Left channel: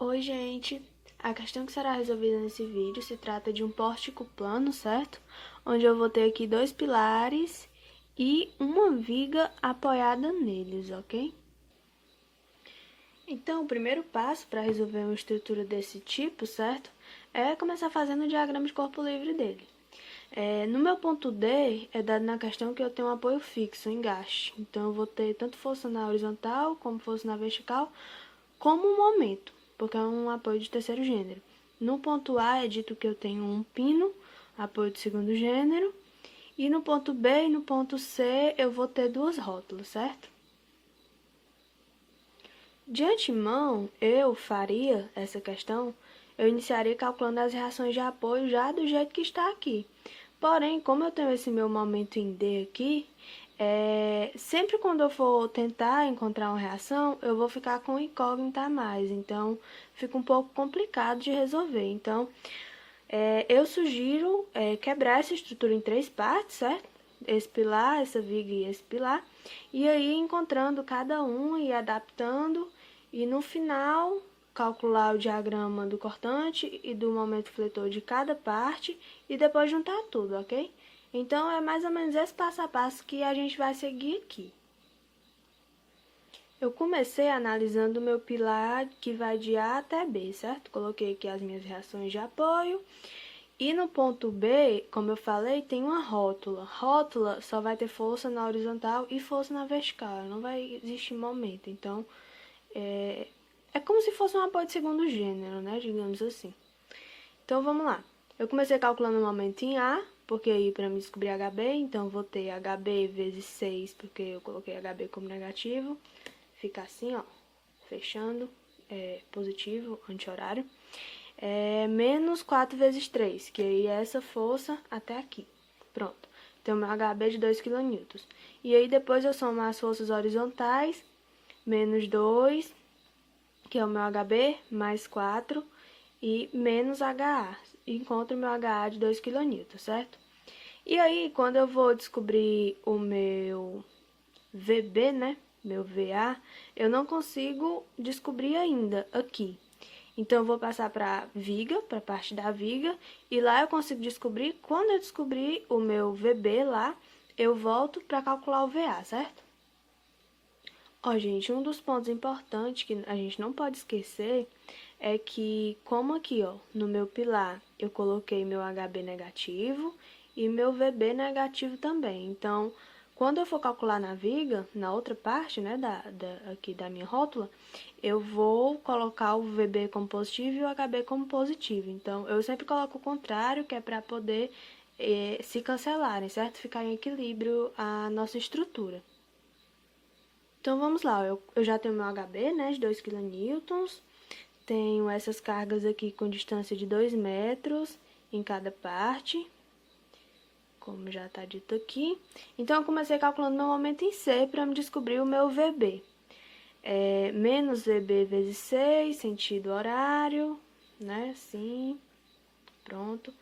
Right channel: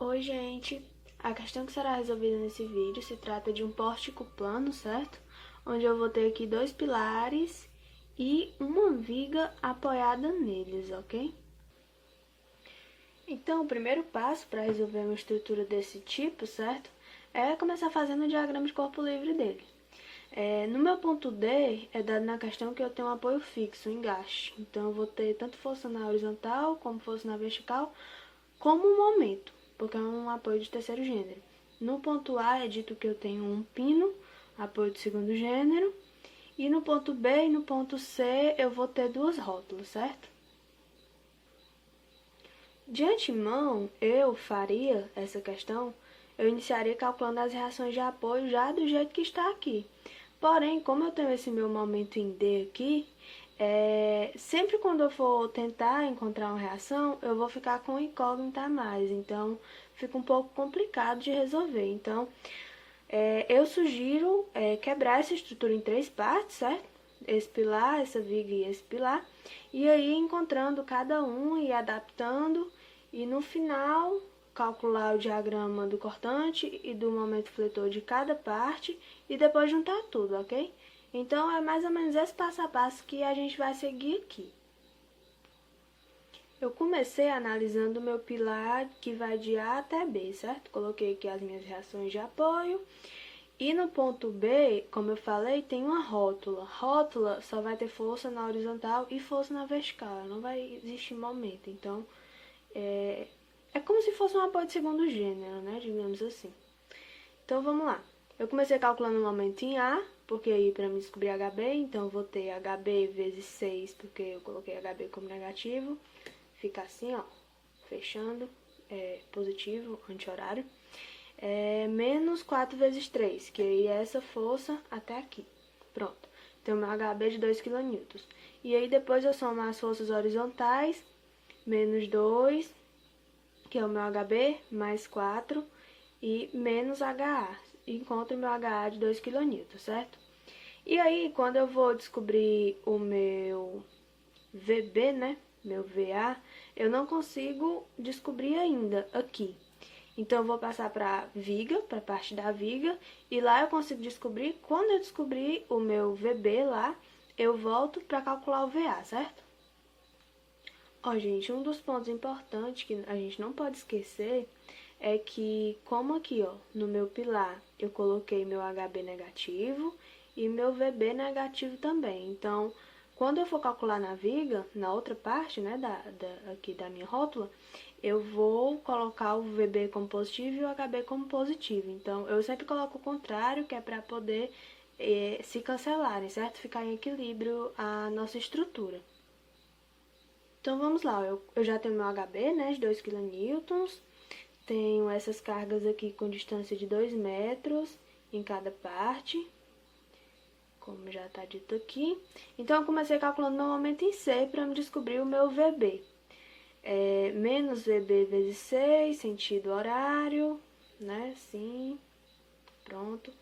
Oi, gente! A questão que será resolvida nesse vídeo se trata de um pórtico plano, certo? Onde eu vou ter aqui dois pilares e uma viga apoiada neles, ok? Então, o primeiro passo para resolver uma estrutura desse tipo, certo? É começar fazendo o diagrama de corpo livre dele. No meu ponto D, é dado na questão que eu tenho um apoio fixo, um engaste. Então, eu vou ter tanto força na horizontal, como força na vertical, como um momento, porque é um apoio de terceiro gênero. No ponto A é dito que eu tenho um pino, apoio de segundo gênero, e no ponto B e no ponto C eu vou ter duas rótulas, certo? De antemão, eu faria essa questão, eu iniciaria calculando as reações de apoio já do jeito que está aqui. Porém, como eu tenho esse meu momento em D aqui, sempre quando eu for tentar encontrar uma reação, eu vou ficar com incógnita a mais. Então, fica um pouco complicado de resolver. Então, eu sugiro quebrar essa estrutura em três partes, certo? Esse pilar, essa viga e esse pilar. E aí, encontrando cada um e adaptando. E no final, calcular o diagrama do cortante e do momento fletor de cada parte e depois juntar tudo, ok? Então, é mais ou menos esse passo a passo que a gente vai seguir aqui. Eu comecei analisando o meu pilar que vai de A até B, certo? Coloquei aqui as minhas reações de apoio. E no ponto B, como eu falei, tem uma rótula. Rótula só vai ter força na horizontal e força na vertical, não vai existir momento. Então, é como se fosse um apoio de segundo gênero, né? Digamos assim. Então, vamos lá. Eu comecei calculando o momento em A, porque aí para me descobrir HB, então eu vou ter HB vezes 6, porque eu coloquei HB como negativo. Fica assim, ó, fechando, positivo, anti-horário. Menos 4 vezes 3, que aí é essa força até aqui. Pronto. Então, meu HB de 2 kN. E aí, depois eu somo as forças horizontais, menos 2, que é o meu HB, mais 4, e menos HA. E encontro o meu HA de 2 kN, certo? E aí, quando eu vou descobrir o meu VB, né? Meu VA, eu não consigo descobrir ainda aqui. Então, eu vou passar para viga, para a parte da viga, e lá eu consigo descobrir. Quando eu descobrir o meu VB lá, eu volto para calcular o VA, certo? Ó, gente, um dos pontos importantes que a gente não pode esquecer é que, como aqui, ó, no meu pilar, eu coloquei meu HB negativo e meu VB negativo também. Então, quando eu for calcular na viga, na outra parte, né, aqui da minha rótula, eu vou colocar o VB como positivo e o HB como positivo. Então, eu sempre coloco o contrário, que é para poder se cancelarem, certo? Ficar em equilíbrio a nossa estrutura. Então, vamos lá. Eu já tenho meu HB, né, de 2 kN. Tenho essas cargas aqui com distância de 2 metros em cada parte, como já está dito aqui. Então, eu comecei calculando meu momento em C para me descobrir o meu VB. Menos VB vezes 6, sentido horário, né, assim, pronto.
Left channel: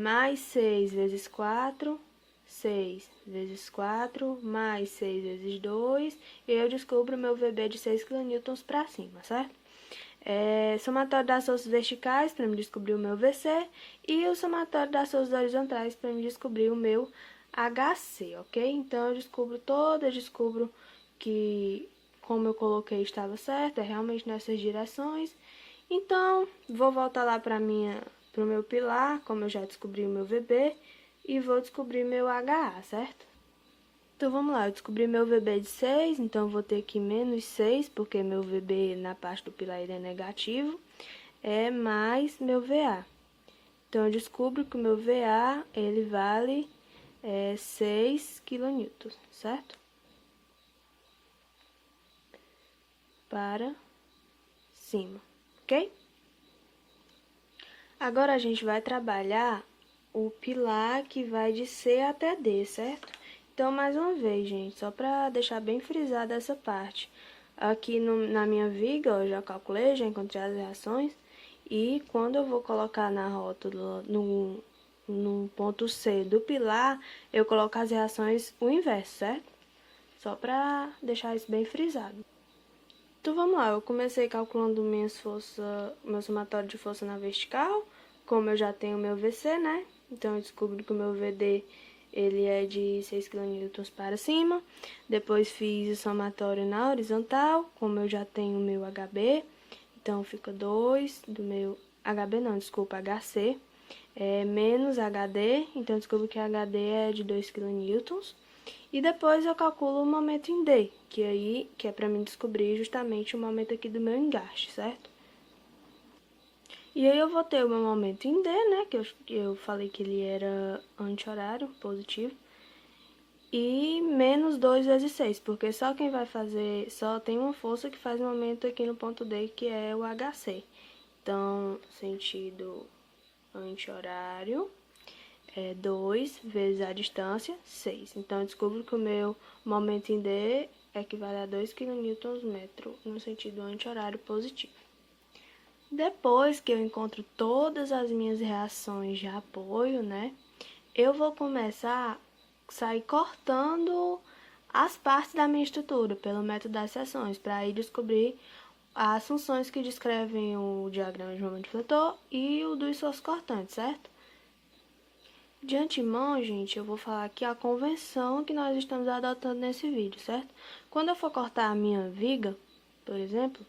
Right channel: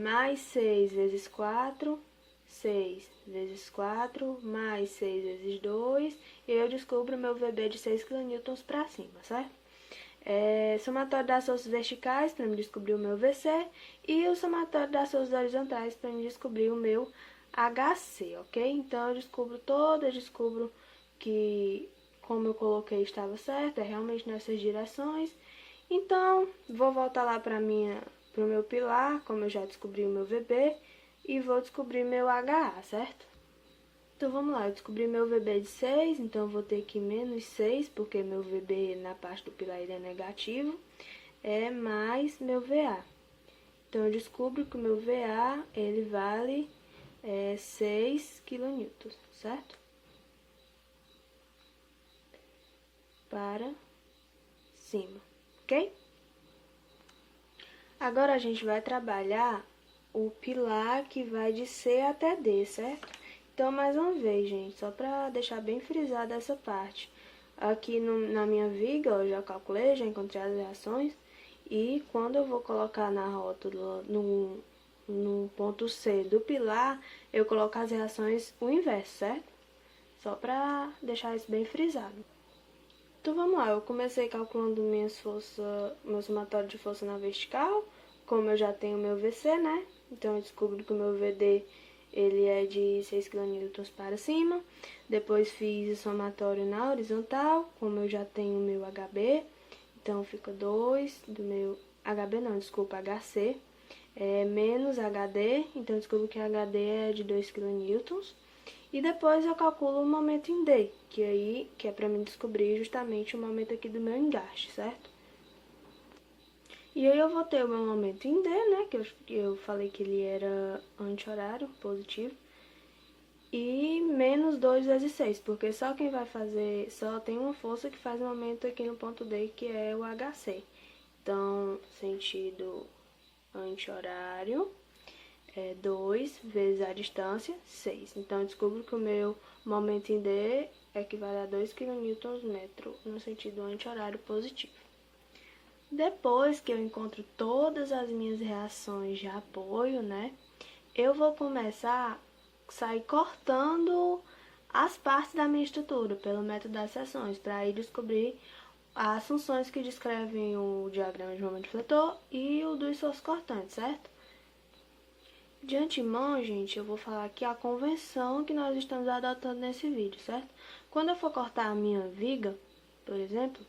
Mais 6 vezes 4, 6 vezes 4, mais 6 vezes 2, e eu descubro o meu VB de 6 kN para cima, certo? Somatório das forças verticais para me descobrir o meu VC e o somatório das forças horizontais para me descobrir o meu HC, ok? Então, eu descubro que, como eu coloquei, estava certo, é realmente nessas direções. Então, vou voltar lá para o meu pilar, como eu já descobri o meu VB, e vou descobrir meu HA, certo? Então, vamos lá, eu descobri meu VB de 6, então eu vou ter aqui menos 6, porque meu VB na parte do pilar ele é negativo, mais meu VA. Então, eu descubro que o meu VA, ele vale 6 kN, certo? Para cima, ok? Agora, a gente vai trabalhar o pilar que vai de C até D, certo? Então, mais uma vez, gente, só para deixar bem frisada essa parte. Aqui na minha viga, eu já calculei, já encontrei as reações. E quando eu vou colocar na rótula, no ponto C do pilar, eu coloco as reações o inverso, certo? Só para deixar isso bem frisado. Então vamos lá, eu comecei calculando meu somatório de força na vertical, como eu já tenho o meu VC, né? Então eu descubro que o meu VD ele é de 6 kN para cima. Depois fiz o somatório na horizontal, como eu já tenho o meu HB, então fica 2 do meu HB não, desculpa, HC, menos HD, então eu descubro que HD é de 2 kN. E depois eu calculo o momento em D, que é para mim descobrir justamente o momento aqui do meu engaste, certo? E aí eu vou ter o meu momento em D, né, que eu falei que ele era anti-horário, positivo, e menos 2 vezes 6, porque só quem vai fazer, só tem uma força que faz momento aqui no ponto D, que é o HC. Então, sentido anti-horário é 2 vezes a distância, 6. Então, eu descubro que o meu momento em D equivale a 2 kN no sentido anti-horário positivo. Depois que eu encontro todas as minhas reações de apoio, né, eu vou começar a sair cortando as partes da minha estrutura pelo método das seções, para aí descobrir as funções que descrevem o diagrama de momento fletor e o do esforço cortante, certo? De antemão, gente, eu vou falar aqui a convenção que nós estamos adotando nesse vídeo, certo? Quando eu for cortar a minha viga, por exemplo,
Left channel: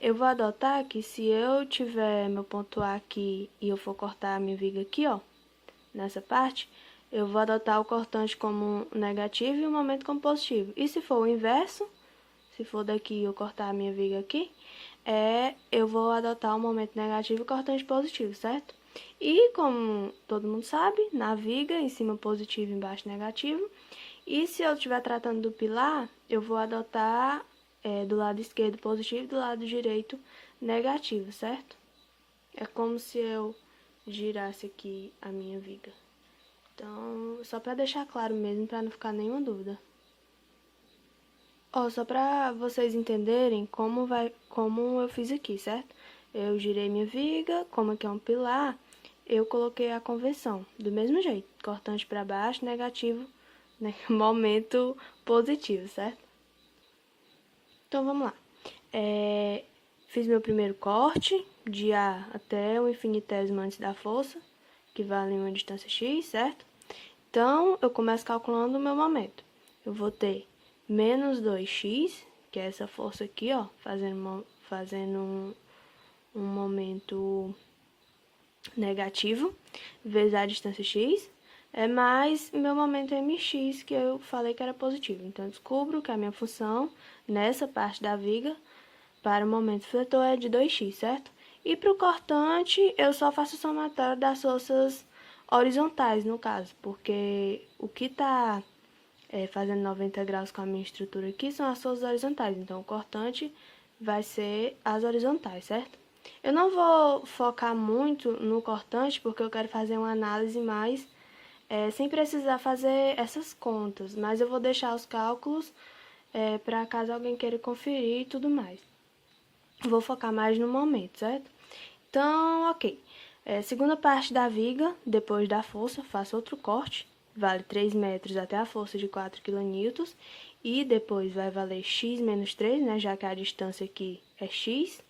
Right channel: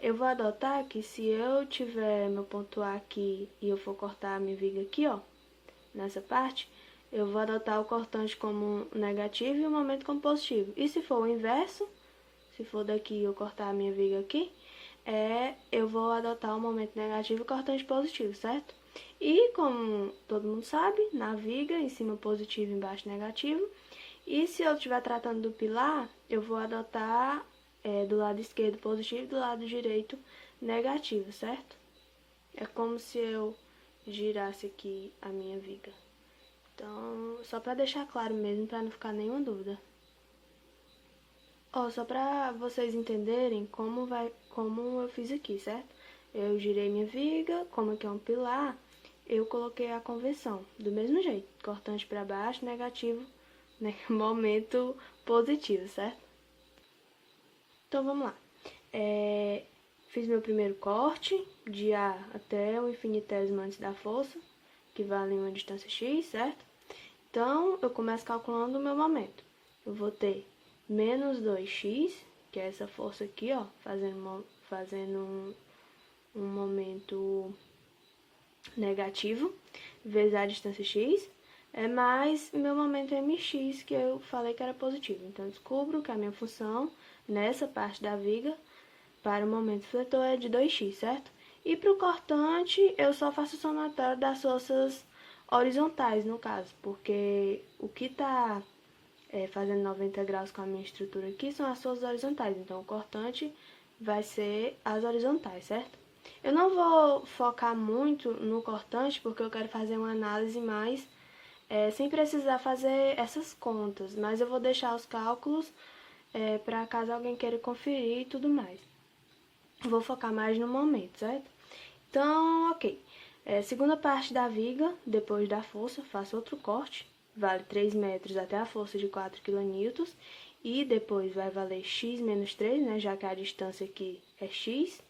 eu vou adotar que se eu tiver meu ponto A aqui e eu for cortar a minha viga aqui, ó, nessa parte, eu vou adotar o cortante como negativo e o momento como positivo. E se for o inverso, se for daqui eu cortar a minha viga aqui, eu vou adotar o momento negativo e o cortante positivo, certo? E como todo mundo sabe, na viga, em cima positivo, embaixo negativo. E se eu estiver tratando do pilar, eu vou adotar do lado esquerdo positivo e do lado direito negativo, certo? É como se eu girasse aqui a minha viga. Então, só para deixar claro mesmo, para não ficar nenhuma dúvida. Ó, só para vocês entenderem como eu fiz aqui, certo? Eu girei minha viga, como aqui é um pilar, eu coloquei a convenção, do mesmo jeito, cortante para baixo, negativo, né? Momento positivo, certo? Então, vamos lá. Fiz meu primeiro corte, de A até o infinitésimo antes da força, que vale uma distância x, certo? Então, eu começo calculando o meu momento. Eu vou ter menos 2x, que é essa força aqui, ó, fazendo um momento negativo, vezes a distância x, mais meu momento mx, que eu falei que era positivo. Então, eu descubro que a minha função, nessa parte da viga, para o momento fletor é de 2x, certo? E para o cortante, eu só faço o somatório das forças horizontais, no caso, porque o que está fazendo 90 graus com a minha estrutura aqui são as forças horizontais. Então, o cortante vai ser as horizontais, certo? Eu não vou focar muito no cortante, porque eu quero fazer uma análise mais sem precisar fazer essas contas, mas eu vou deixar os cálculos para caso alguém queira conferir e tudo mais. Vou focar mais no momento, certo? Então, ok. Segunda parte da viga, depois da força, faço outro corte. Vale 3 metros até a força de 4 kN. E depois vai valer x menos 3, né? Já que a distância aqui é x.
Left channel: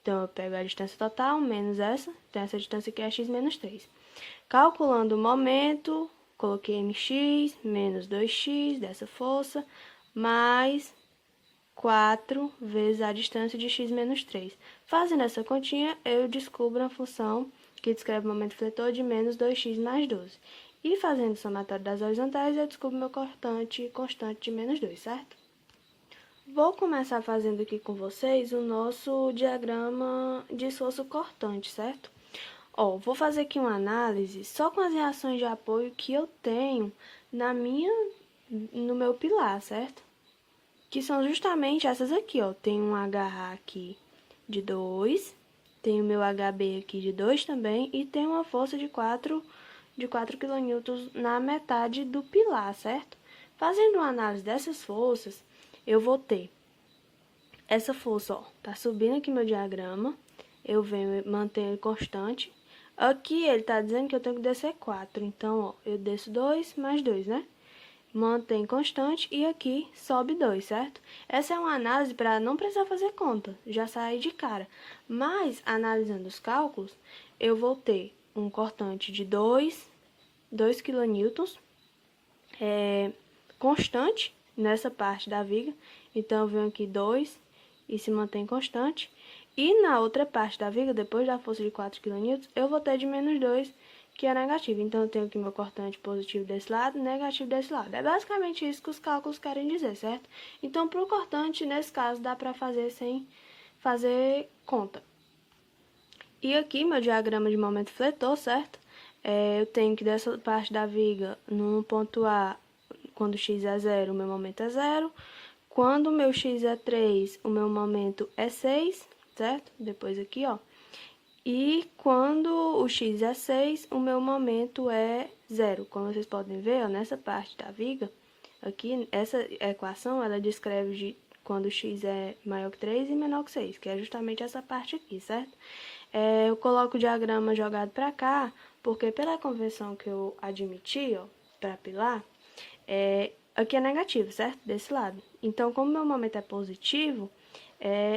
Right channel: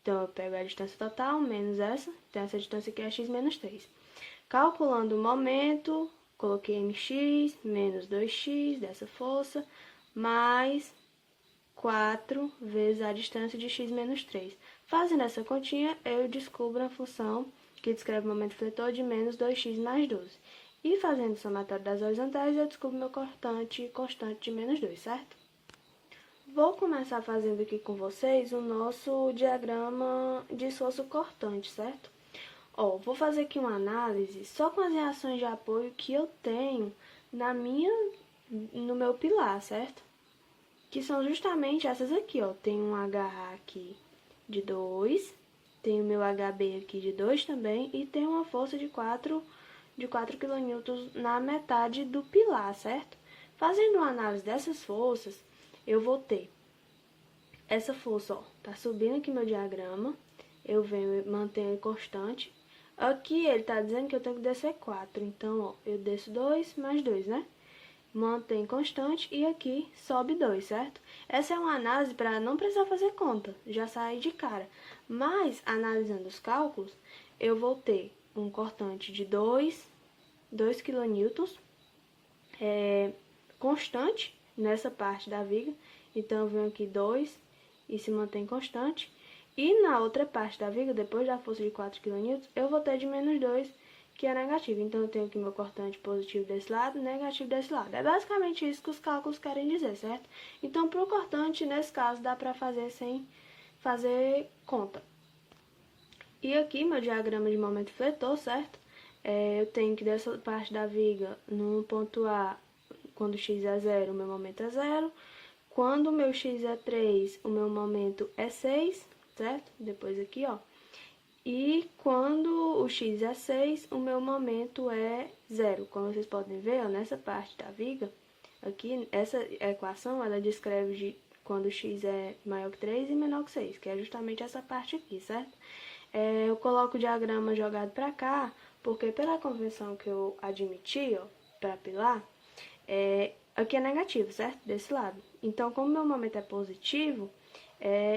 Então, eu pego a distância total menos essa. Então, essa distância aqui é x menos 3. Calculando o momento, coloquei mx menos 2x dessa força, mais 4 vezes a distância de x menos 3. Fazendo essa continha, eu descubro a função que descreve o momento fletor de menos 2x mais 12. E fazendo o somatório das horizontais, eu descubro meu cortante constante de menos 2, certo? Vou começar fazendo aqui com vocês o nosso diagrama de esforço cortante, certo? Ó, vou fazer aqui uma análise só com as reações de apoio que eu tenho no meu pilar, certo? Que são justamente essas aqui, ó. Tem um HA aqui de 2, tem o meu HB aqui de 2 também, e tem uma força de 4 kN na metade do pilar, certo? Fazendo uma análise dessas forças, eu vou ter essa força, ó, tá subindo aqui meu diagrama, eu venho manter ele constante. Aqui ele tá dizendo que eu tenho que descer 4, então, ó, eu desço 2 mais 2, né? mantém constante e aqui sobe 2, certo? Essa é uma análise para não precisar fazer conta, já sai de cara. Mas, analisando os cálculos, eu vou ter um cortante de 2 kN, constante nessa parte da viga. Então, eu venho aqui 2 e se mantém constante. E na outra parte da viga, depois da força de 4 kN, eu vou ter de menos 2, que é negativo. Então, eu tenho aqui meu cortante positivo desse lado e negativo desse lado. É basicamente isso que os cálculos querem dizer, certo? Então, para o cortante, nesse caso, dá para fazer sem fazer conta. E aqui, meu diagrama de momento fletor, certo? Eu tenho que dessa parte da viga, no ponto A, quando x é 0, o meu momento é 0. Quando o meu x é 3, o meu momento é 6, certo? Depois aqui, ó. E quando o x é 6, o meu momento é 0. Como vocês podem ver, ó, nessa parte da viga, aqui, essa equação, ela descreve quando o x é maior que 3 e menor que 6, que é justamente essa parte aqui, certo? Eu coloco o diagrama jogado para cá, porque pela convenção que eu admiti, ó, para pilar, aqui é negativo, certo? Desse lado. Então, como meu momento é positivo,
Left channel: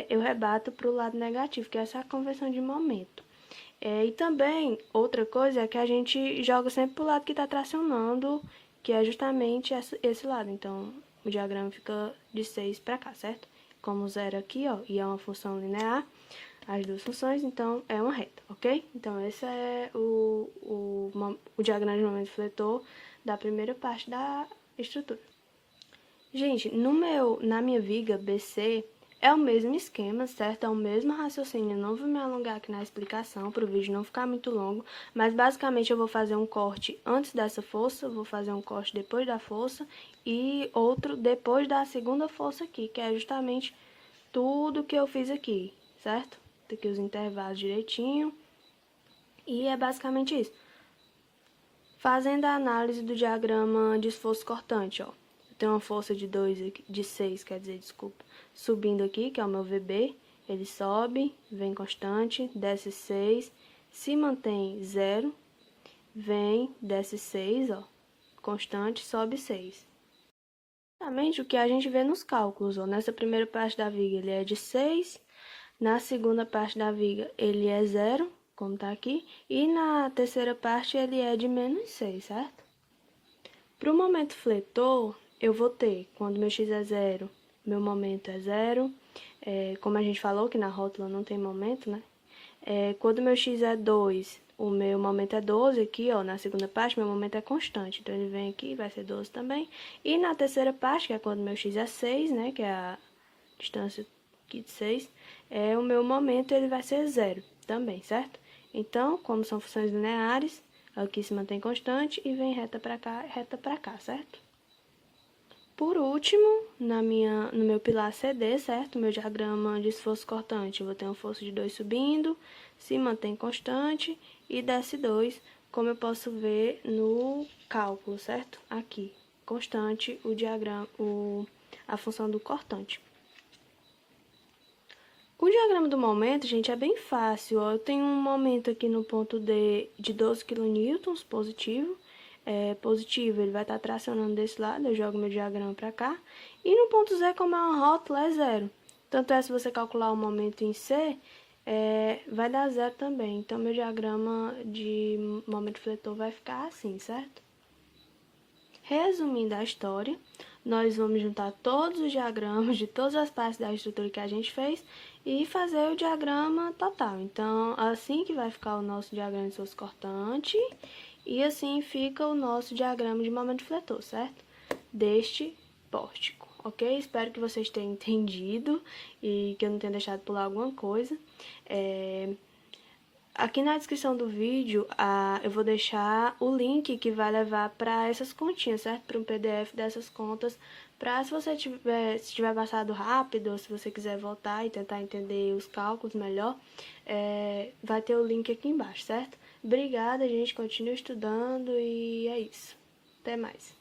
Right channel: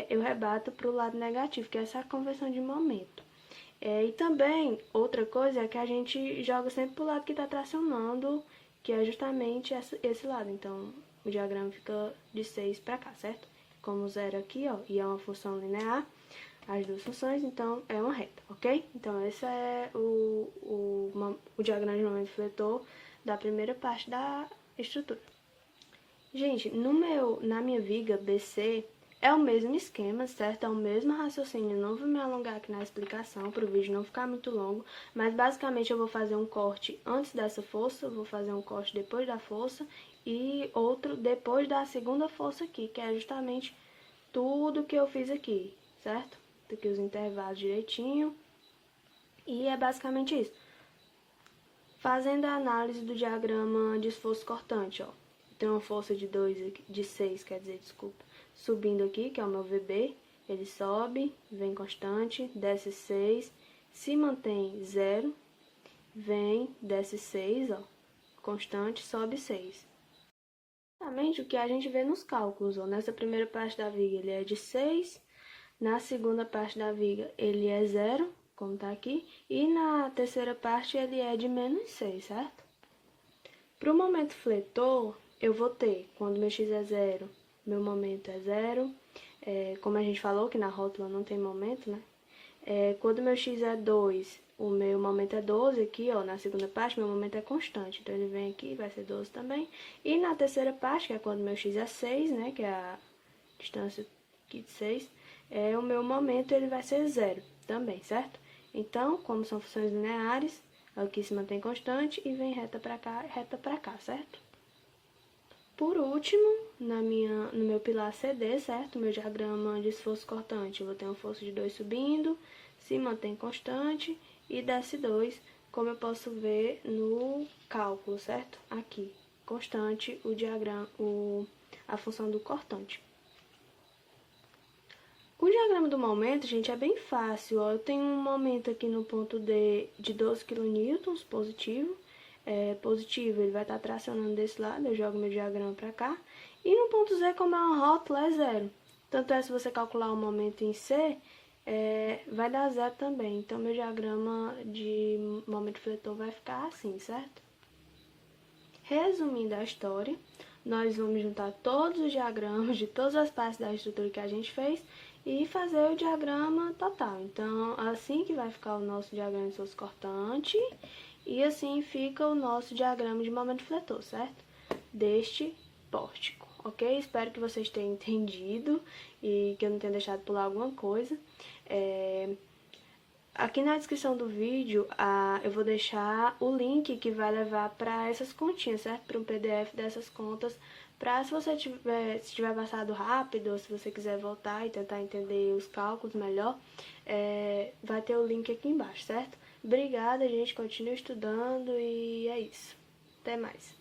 eu rebato para o lado negativo, que é essa conversão de momento. E também, outra coisa é que a gente joga sempre para o lado que está tracionando, que é justamente esse lado. Então, o diagrama fica de 6 para cá, certo? Como 0 aqui, ó, e é uma função linear, as duas funções, então é uma reta, ok? Então, esse é o diagrama de momento fletor da primeira parte da estrutura. Gente, na minha viga BC, é o mesmo esquema, certo? É o mesmo raciocínio. Não vou me alongar aqui na explicação para o vídeo não ficar muito longo, mas basicamente eu vou fazer um corte antes dessa força, vou fazer um corte depois da força e outro depois da segunda força aqui, que é justamente tudo que eu fiz aqui, certo? Tem aqui os intervalos direitinho. E é basicamente isso. Fazendo a análise do diagrama de esforço cortante, ó. Tem uma força de 6, quer dizer, desculpa, subindo aqui, que é o meu VB, ele sobe, vem constante, desce 6, se mantém 0, vem, desce 6, ó, constante, sobe 6. Exatamente o que a gente vê nos cálculos, ó. Nessa primeira parte da viga ele é de 6, na segunda parte da viga ele é 0, como tá aqui, e na terceira parte ele é de menos 6, certo? Para o momento fletor, eu vou ter, quando meu x é 0, meu momento é 0. Como a gente falou que na rótula não tem momento, né? Quando meu x é 2, o meu momento é 12 aqui, ó, na segunda parte, meu momento é constante. Então, ele vem aqui, vai ser 12 também. E na terceira parte, que é quando meu x é 6, né, que é a distância aqui de 6, o meu momento ele vai ser 0 também, certo? Então, como são funções lineares, aqui se mantém constante e vem reta para cá, certo? Por último, no meu pilar CD, certo? Meu diagrama de esforço cortante, eu vou ter uma força de 2 subindo, se mantém constante e desce 2, como eu posso ver no cálculo, certo? Aqui, constante, a função do cortante. O diagrama do momento, gente, é bem fácil, ó. Eu tenho um momento aqui no ponto D de 12 kN, positivo. Positivo, ele vai estar tracionando desse lado, eu jogo meu diagrama para cá. E no ponto Z, como é uma rótula, é 0. Tanto é, se você calcular o momento em C, vai dar 0 também. Então, meu diagrama de momento fletor vai ficar assim, certo? Resumindo a história, nós vamos juntar todos os diagramas de todas as partes da estrutura que a gente fez e fazer o diagrama total. Então, assim que vai ficar o nosso diagrama de esforço cortante e assim fica o nosso diagrama de momento fletor, certo? Deste pórtico, ok? Espero que vocês tenham entendido e que eu não tenha deixado pular alguma coisa. Aqui na descrição do vídeo, eu vou deixar o link que vai levar para essas continhas, certo? Para um PDF dessas contas, para se você tiver passado rápido, ou se você quiser voltar e tentar entender os cálculos melhor, vai ter o link aqui embaixo, certo? Obrigada, gente. Continue estudando e é isso. Até mais.